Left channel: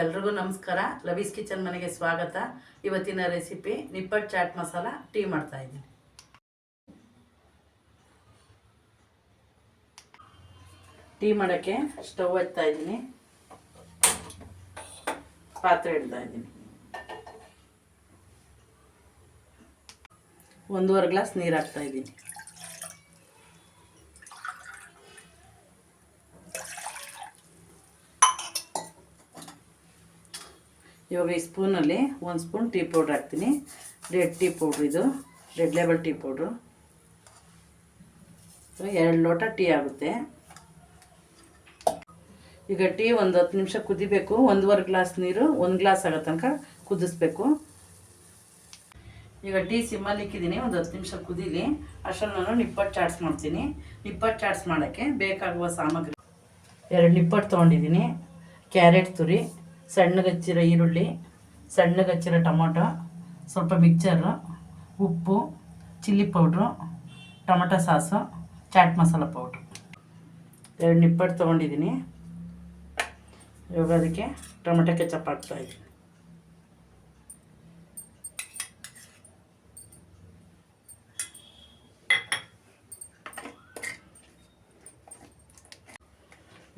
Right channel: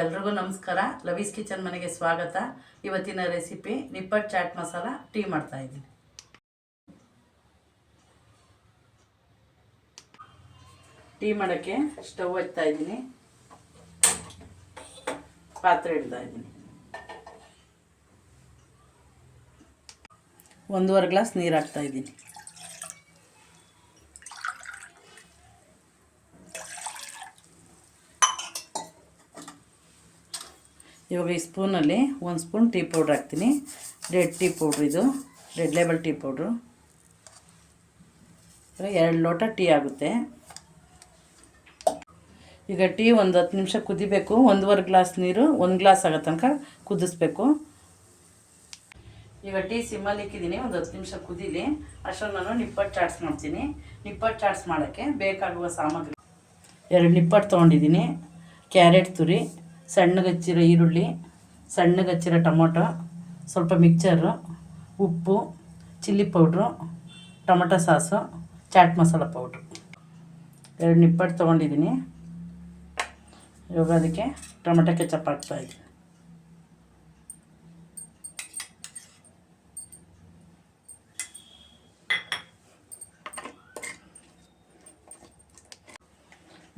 ಎಲ್ರಿಗೂ ನಮಸ್ಕಾರ. ಲವೀಸ್ ಕಿಚನ್ ಮನೆಗೆ ಸ್ವಾಗತ. ಇವತ್ತಿನ ರೆಸಿಪಿ ನಿಪ್ಪಟ್ಟು ಚಾಟ್ ಮಸಾಲ ಟೀ ಮಾಡ್ತಾ ಇದ್ದೀನಿ. ಟೀ ಮಾಡೋಕ್ಕೆ ಸ್ಟವ್ ಹಚ್ತಾ ಇದ್ದೀನಿ. ಪಾತ್ರೆ ಇಡ್ತಾ ಇದ್ದೀನಿ. ಒಂದೂವರೆ ಗ್ಲಾಸ್ ನೀರು ಹಾಕ್ತಾ ಇದ್ದೀನಿ. ಇವಾಗ ಈ ಸ್ಪೂನಲ್ಲಿ ಒಂದು ಸ್ಪೂನ್ ಟೀ ಪೌಡ್ರ್ ಹಾಕ್ತೀನಿ. ರೆಡ್ ಟೀ ಪೌಡ್ರ್ ಇದು. Red label tea powder. ಎರಡು ಲೋಟ ಟೀ ಆಗುತ್ತೆ. ಈಗ ಟೀ ಒಂದು ಹತ್ತು ನಿಮಿಷ ಕುದಿಬೇಕು. ಒಂದೂವರೆ ಗ್ಲಾಸ್ ನೀರು, ಒಂದು ಗ್ಲಾಸ್ ಆಗೋ ತನಕ ಕುದಿಸ್ಬೇಕು. ಈಗ ಟೀ ಸಿಮ್ಮಲ್ಲಿ ಇಕ್ಕಿದ್ದೀನಿ. ಒಂದು ಹತ್ತು ನಿಮಿಷ ಕುದೀಲಿ. ಅಷ್ಟರಲ್ಲಿ ನಾನು ನಿಪ್ಪಟ್ಟು ಚಾಟ್ಸ್ ಮಾಡ್ತೀನಿ. ನಿಪ್ಪಟ್ಟು ಚಾಟ್ಸ್ ಮಾಡೋಕ್ಕೆ ಬೇಕಾಗುವ ಸಾಮಗ್ರಿ. ಎರಡು ನಿಪ್ಪಟ್ಟು ತೊಗೊಂಡಿದ್ದೀನಿ. ಕ್ಯಾರೆಟ್ ತುರಿ. ಸಣ್ಣಗೆ ಹಚ್ಚಿರೋ ಈರುಳ್ಳಿ, ಸಣ್ಣಗೆ ಹಚ್ಚಿರೋ ಟೊಮೊಟೊ, ಸ್ವಲ್ಪ ಮಿಕ್ಚರು ಉಪ್ಪು, chilli powder, tomato sauce, chaat masala powder. ಎರಡು ನಿಪ್ಪಟ್ಟು ತೊಗೊಂಡಿದ್ದೀನಿ. ಇವಾಗ ಅದಕ್ಕೆ ಟೊಮೊಟೊ ಕೆಚಪ್ ಹಾಕ್ತಾಯಿದ್ದೀನಿ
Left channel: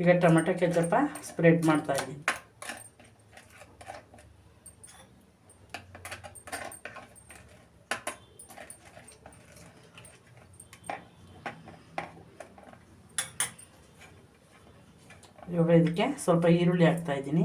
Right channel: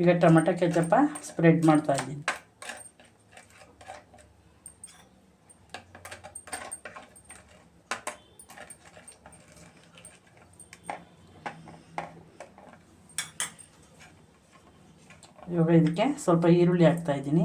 ಈಗ ಟೊಮೆಟೊ ಕೆಚಪ್ಪ ಸ್ಪ್ರೆಡ್ ಮಾಡ್ತಾ ಇವಾಗ ಇದಕ್ಕೆ ಸ್ವಲ್ಪ ಈರುಳ್ಳಿ ಹಾಕ್ತಾ ಇದ್ದೀನಿ.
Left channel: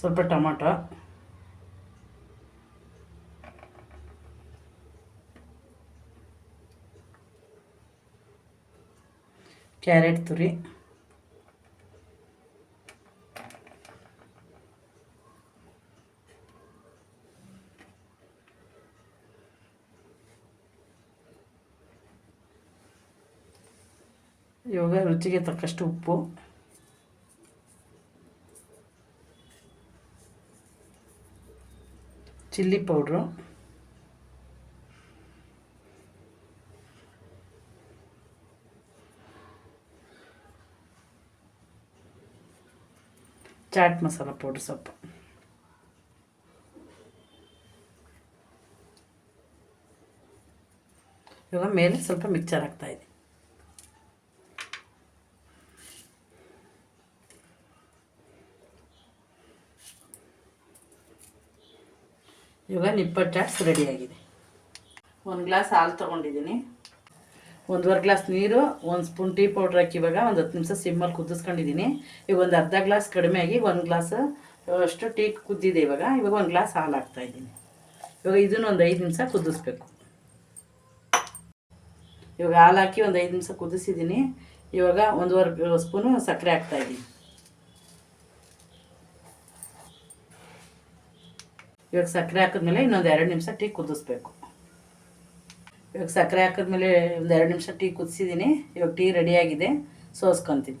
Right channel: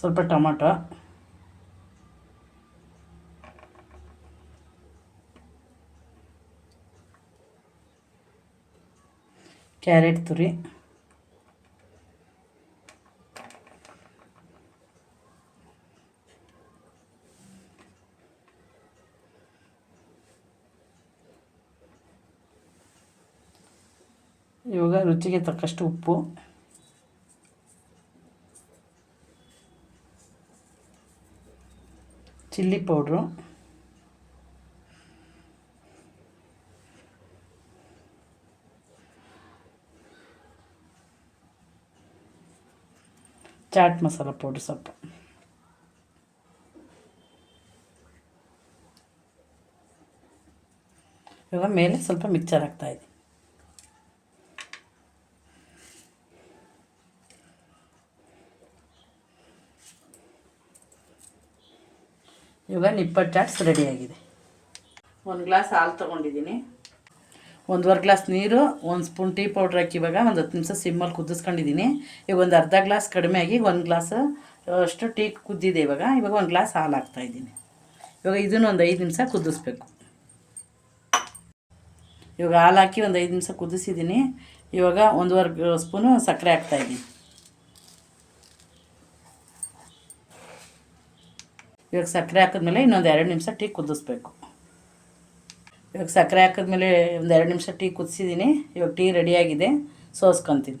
ಸ್ವಲ್ಪ ಟೊಮೊಟೊ. ಕ್ಯಾರೆಟ್ ತುರಿ. ಇವಾಗ ರುಚಿಗೆ ತಕ್ಕಷ್ಟು ಉಪ್ಪು. Chilli powder. Chaat masala powder ಸ್ವಲ್ಪ ಇವಾಗ ಮೇಲೆ ಸ್ವಲ್ಪ ಮಿಕ್ಸರ್ ಹಾಕ್ತಾಯಿದ್ದೀನಿ ಇವಾಗ ನಿಪ್ಪಟ್ಟು ಚಾಟ್ಸ್ ರೆಡಿಯಾಗಿದೆ ಒಂದು ಗ್ಲಾಸ್ ಹಾಲು ತೊಗೊಂಡಿದ್ದೀನಿ. ಒಂದುವರೆ ಗ್ಲಾಸ್ ನೀರು, ಒಂದು ಸ್ಪೂನ್ ಟೀ ಪೌಡ್ರ್ ಹಾಕಿ ಇವಾಗ ಒಂದು ಹತ್ತು ನಿಮಿಷ ಸಿಮ್ಮಲ್ಲಿ ಕುದಿಸ್ಕೊಂಡಿದ್ದೀನಿ ಈಗ ಒಂದು ಅರ್ಧ ಗ್ಲಾಸ್ ಕಡಿಮೆ ಆಗಿ ಒಂದು ಗ್ಲಾಸ್ ಅಷ್ಟು ಟೀ ಕುದ್ದಿದೆ ಇವಾಗ. ಇವಾಗ ಒಂದು ಗ್ಲಾಸ್ ಹಾಲು ಹಾಕ್ತಾಯಿದ್ದೀನಿ ಇವಾಗ ಇದನ್ನು ಒಂದು ಐದು ನಿಮಿಷ ಕುದಿಸ್ಬೇಕು. ಇವಾಗ ಹಾಲು ಹಾಕಿ ಒಂದು ಐದು ನಿಮಿಷ ಕುದಿಸಿದ್ದೀನಿ ಇವಾಗ ಒಂದುವರೆ ಸ್ಪೂನು ಸಕ್ಕರೆ ಹಾಕ್ತಾಯಿದ್ದೀನಿ ಇವಾಗ ಸಕ್ಕರೆ ಹಾಕಿದ್ಮೇಲೆ ಇನ್ನೊಂದು ಎರಡು ನಿಮಿಷ ಟೀ ಕುದಿಸ್ಬೇಕು. ಇವಾಗ ಸಕ್ಕರೆ ಹಾಕಿದ್ಮೇಲೆ ಒಂದು ಎರಡು ನಿಮಿಷ ಟೀ ಕುದಿಸಿದ್ದೀನಿ. ಇವಾಗ ಟೀ ರೆಡಿಯಾಗಿದೆ ಸೋಸ್ಕೊತೀನಿ.